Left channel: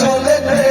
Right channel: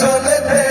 চলে